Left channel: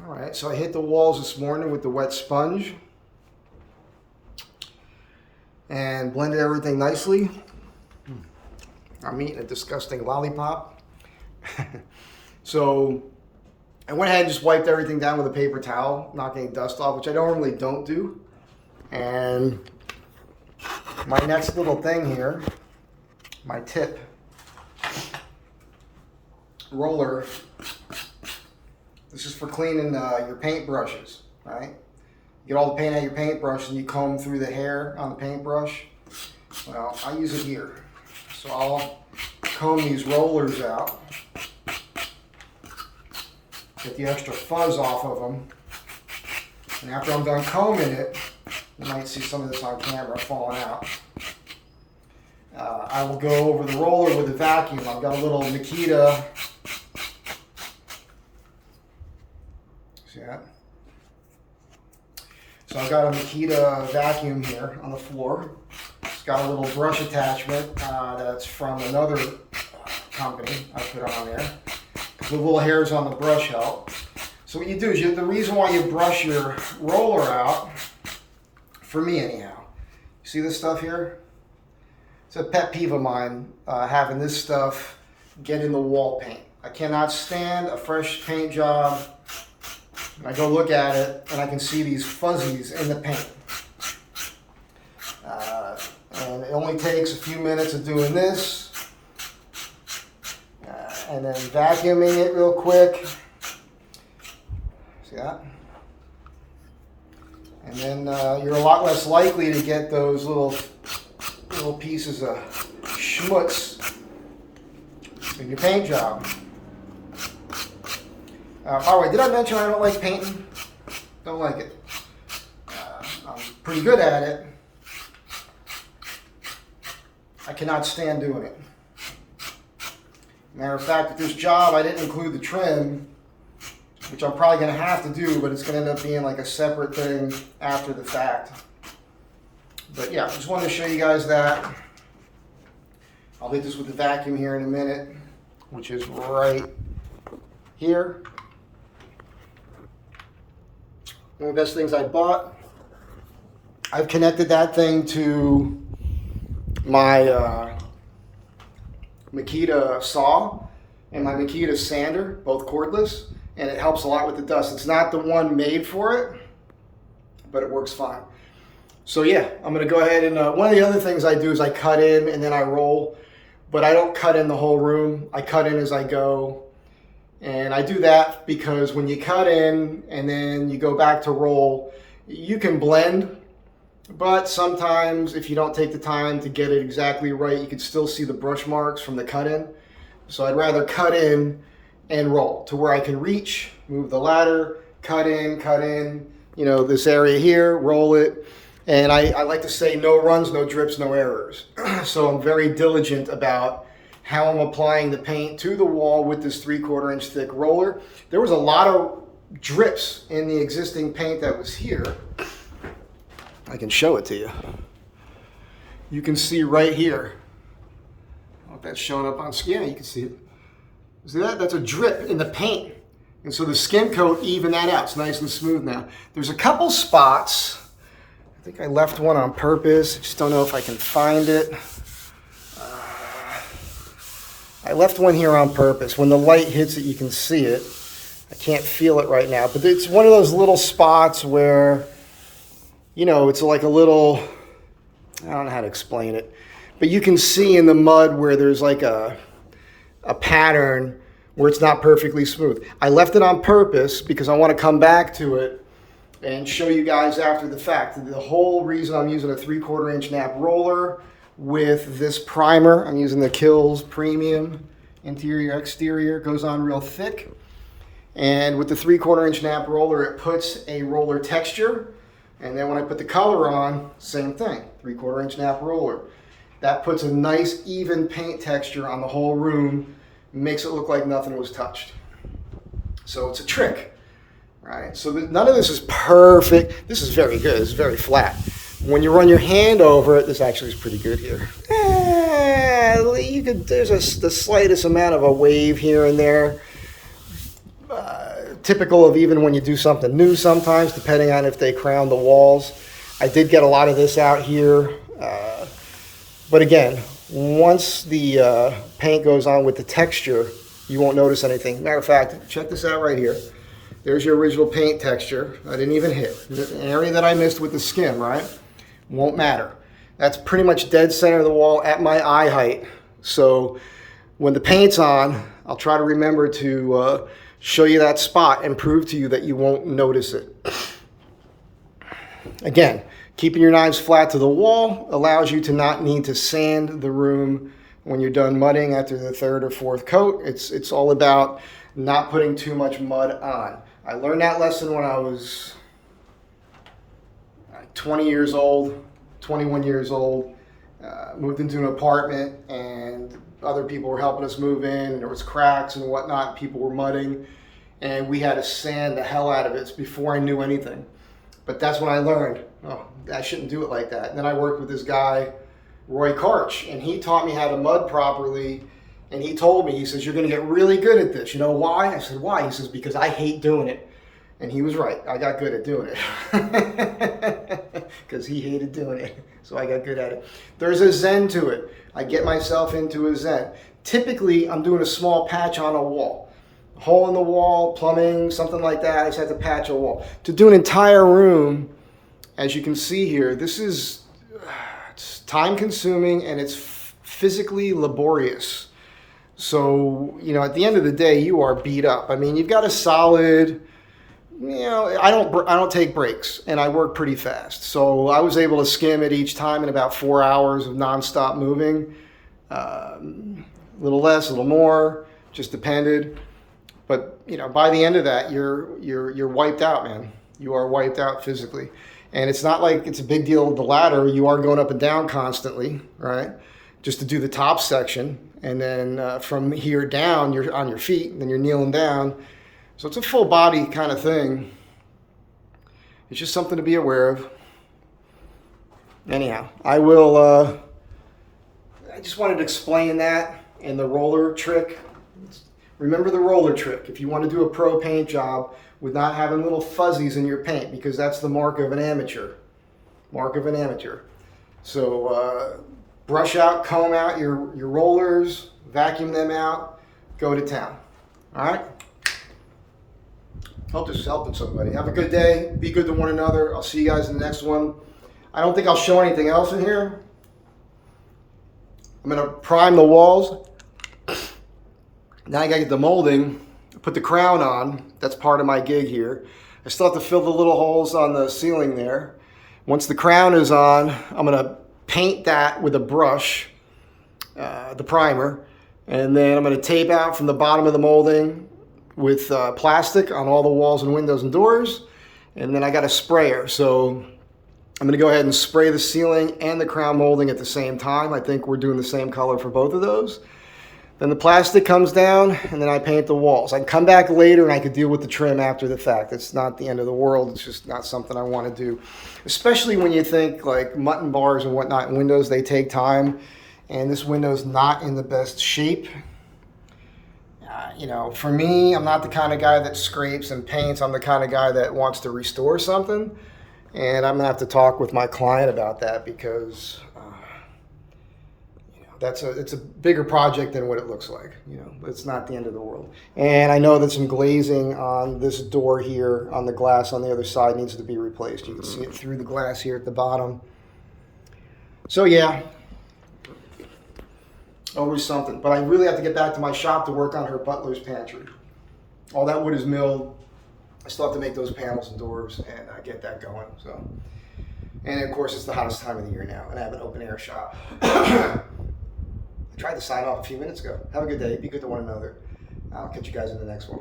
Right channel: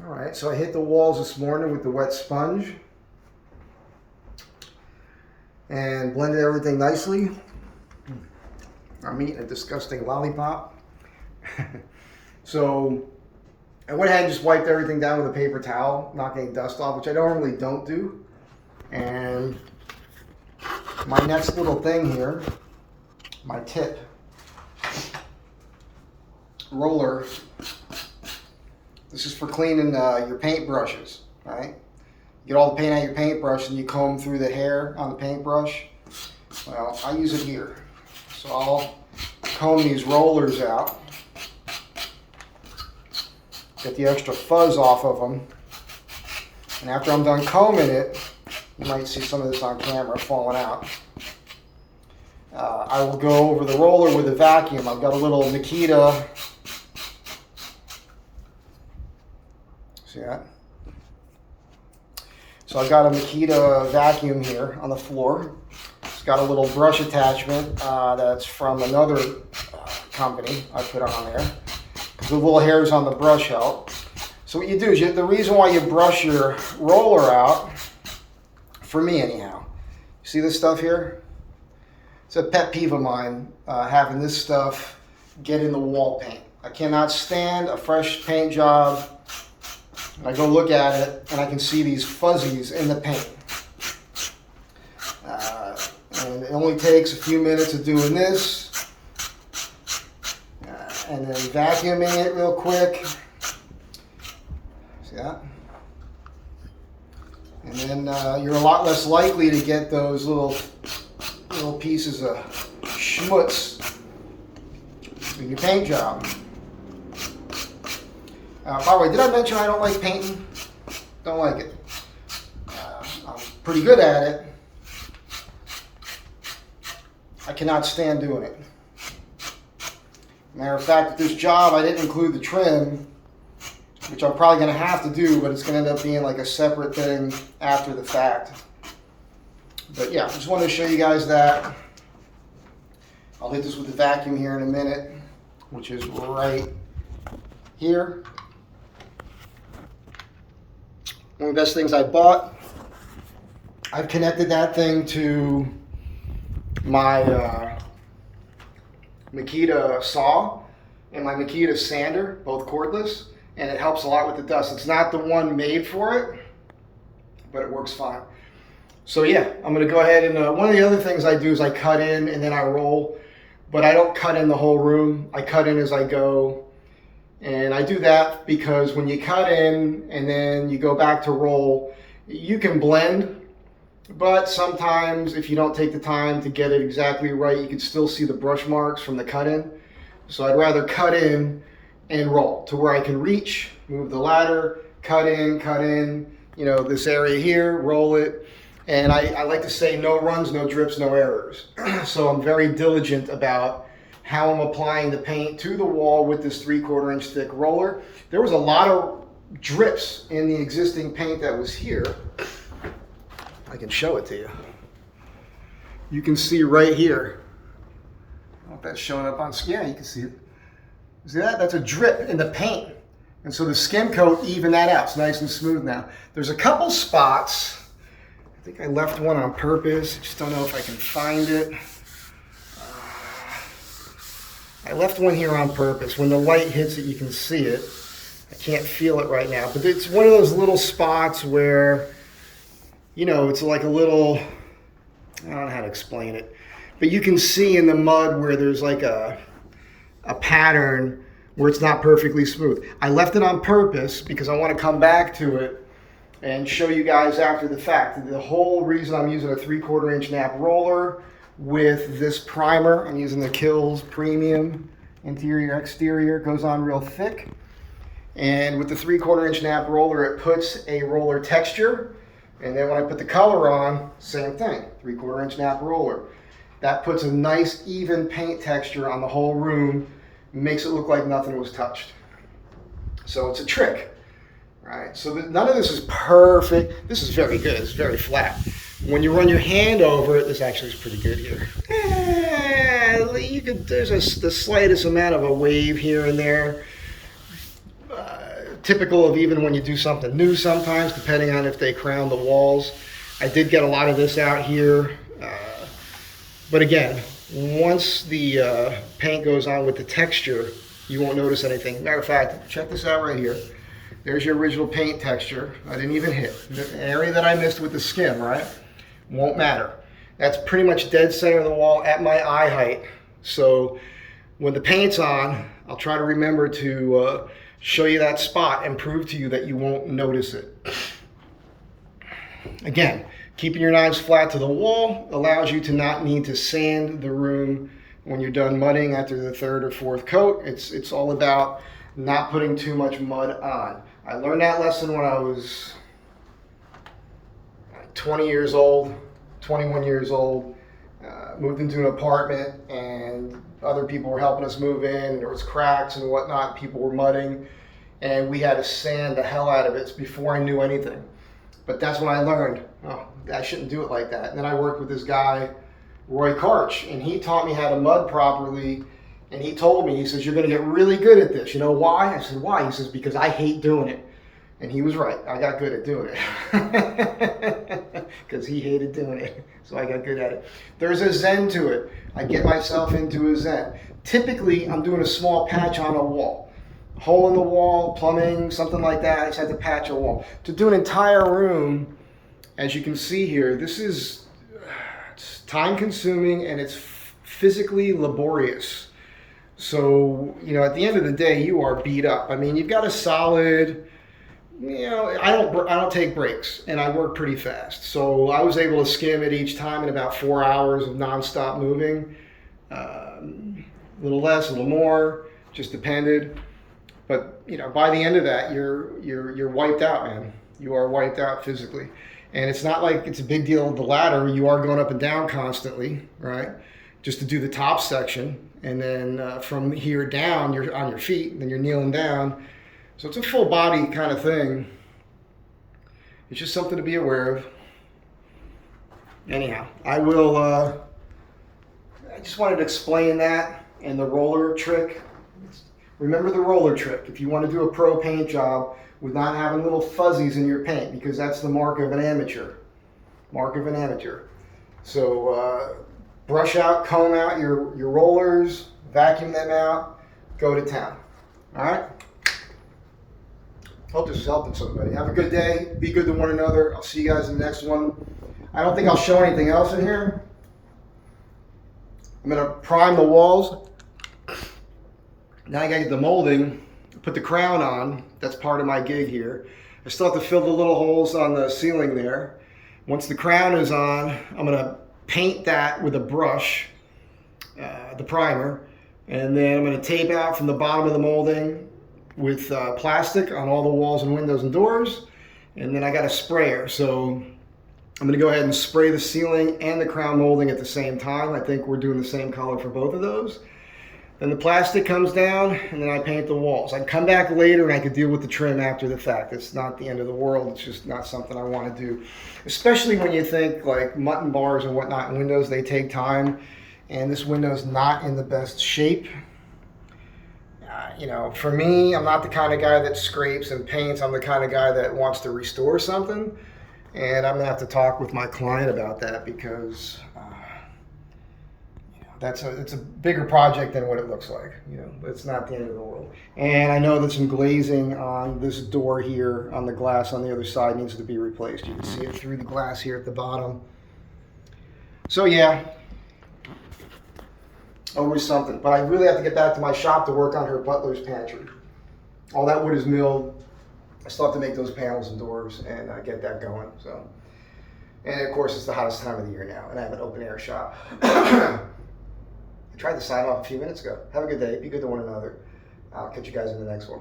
All right, so I hit the walls this morning with the wet sponge and blended everything nicely. I'm eating a disgusting lollipop. So I went ahead and just wiped everything down with a paper towel, knock any dust off, which I normally don't do. And my next little thing here, my tip roller. This is for cleaning your paint brushes, right? You get all the paint out of your paintbrush and you comb through the hair on the paintbrush. Well, I use it here. So I'll comb these rollers out, get the extra fuzz off of them. And after I'm done combing it, you might see some of this on camera falling out. I will go over the roller with a vacuum. I've got a little Makita. See that? So I've got a Makita vacuum here on the floor. It's got a little brush attachment that's from another company I put on there. The little hairs on the brush help. So what you do is the reason why you brush your roller out, for me anyhow, see this stuff here? It's a pet peeve of mine, having this stuff get in the wall paint. I cannot stand a fresh paint job. And I go look at it and I can see these fuzzies in the paint. And it only takes a few minutes of doing this and then vacuuming it real quick. See that? And then you're a lot less likely to get those little pieces of schmutz in your paint job. By the way, did I mention I don't like painting? Don't like it. I'm pretty good at it. I cannot stand doing it. Matter of fact, with this job, I didn't include the trim, which I'm probably going to have to do, but it's going to end up being like a separate thing after the fact. But yeah, just wanted to show you guys that. I'll hit this with the vacuum here in a minute, which is right here. One of the best things I bought. I've connected that thing to my Makita saw and my Makita sander, both cordless, and it helps a lot with the dust. It's not the one made for it, but it works fine. So yeah, I'm gonna go ahead and one of the other things I do is I cut in and then I roll, but I don't cut in the whole room. I cut in as I go. And I do that because when you cut in and then you go back to roll, you can blend, but sometimes if you don't take the time to get it exactly right, you can still see the brush marks from the cut in. So I'd rather cut in and roll to where I can reach, move the ladder, cut in, you know, this area here, roll it. And I like to say no runs, no drips, no errors. So I'm very diligent about how I'm applying the paint to the wall with this 3/4 inch thick roller. There was a lot of drips in the existing paint that was here. I can show it to you. You can see right here. I don't know if that's showing up on skin. You can see it. See that? That's a drip in the paint. And so the skim coat evened that out. It's nice and smooth now. There's a couple spots. I think I left one on purpose. I just don't know if I can find it. I left one here on purpose. When the light hits it, you can see it. I can't feel it right now, but it's one of those little spots where, you know, it's like a little, I don't know how to explain it, but you can see in the mud where there's like a pattern where it's not perfectly smooth. I left it on purpose because I want to come back to it and show you guys after the fact. The whole reason I'm using a 3/4 inch nap roller with this primer, I'm using the Kills Premium interior exterior, goes on real thick. And with the 3/4 inch nap roller, it puts a roller texture. And then when I put the color on, same thing, 3/4 inch nap roller. That puts a nice even paint texture on the whole room, makes it look like nothing was touched. So it's a trick, right? So none of this is perfect. This is very good, it's very flat. When you run your hand over it, this actually is pretty good here. There's the slightest amount of a wave here and there. typical of even when you do something new sometimes, depending on if they crown the walls. I did get a lot of this out here. But again, once the paint goes on with the texture, you won't notice anything. Matter of fact, check this out right here. There's your original paint texture. I didn't even hit. An area that I missed with the skim, right? Won't matter. That's pretty much dead center of the wall at my eye height. So when the paint's on, I'll try to remember to show you that spot and prove to you that you won't notice it. Again, keeping your knives flat to the wall allows you to not need to sand the room when you're done mudding after the third or fourth coat. It's all about not putting too much mud on. I learned that lesson when I was 20 years old, 21 years old. Moved into an apartment and other people were helping us move in, and there was cracks and whatnot. People were mudding and we had to sand the hell out of it before I knew anything. But that's when I learned, oh, I shouldn't do it like that. And then I worked with this guy, Roy Karch, and he taught me how to mud properly. And he told me, he says, you're going to get really good at this. You know why? I said, why? He says, because I hate doing it. And he was right. I got good at doing it. Because he hated doing it. So I got good at it. There's a zen to it. I get myself into a zen. Typically, I'm doing a small patch on a wall. Hole in the wall, plumbing, something like that. I just have to patch a wall. To do an entire room, as you can see here, this is it's time consuming and it's physically laborious. So, you know, at the end of the day, you are beat up. I mean, you've got a solid, you know, I don't take breaks and I work pretty fast. So I was able to skim it each time in about 4 hours of nonstop moving. A little less, a little more, just depended. But, you know, by the end of that, you're wiped out, man. You are wiped out physically. And it's not like it's a big deal with the ladder. You are going up and down constantly, right? Just to do the top section. And then from here down, you're on your feet, and then you're kneeling down. So it's a full body kind of thing. It's just something to be aware of. Anyhow, I just wanted to explain that and the roller trick. Remember the roller trick. If you want to do a pro paint job with not having little fuzzies in your paint, because that's the mark of an amateur. Mark of an amateur. So brush out, comb out your rollers, vacuum them out, go to town. All right? Hope this is helping somebody. Have a good day. Be good to one another. I'll see you guys in the next one. I don't think I'll show anything else in here. I'm going to prime the walls. Now I got to get the molding, put the crown on. That's part of my gig here. I still have to fill the little holes on the ceiling there. Once the crown is on, I'm going to paint that with a brush, the primer, and then I'm going to tape out from the bottom of the molding with plastic on all the walls and windows and doors. And then I got a sprayer, so I'm going to go ahead and spray the ceiling and the crown molding at the same time. I think we're doing the same color for both of those. Then the plastic comes down, and then I paint the walls. I can come back later and I could deal with the trim after the fact. It's not the end of the world. It's just not something I want to do. Especially when you think like mutton bars and whatnot in windows, they take time. And this window's not in the best shape. You know, for me, I'm not the kind of guy that scrapes and paints. I'm the kind of guy that wants to restore something. And I'm going to have to talk with my client about that because it's a bigger project than what it looks like. You know, it's not the end of the world. And I know that some glazing on this door here on the glass on the other side needs to be replaced. You can see it through the glass here at the bottom. So yeah, always something. But I really have to get back to my shop to work on her butler's pantry. All that wood is milled. I still have to make those panels and doors and get that going. So, and of course it's the hottest time of the year now, and I have an open air shop. I tried to sign off a few minutes ago. Have a good day. Be good to one another. I'll catch you guys in the next one.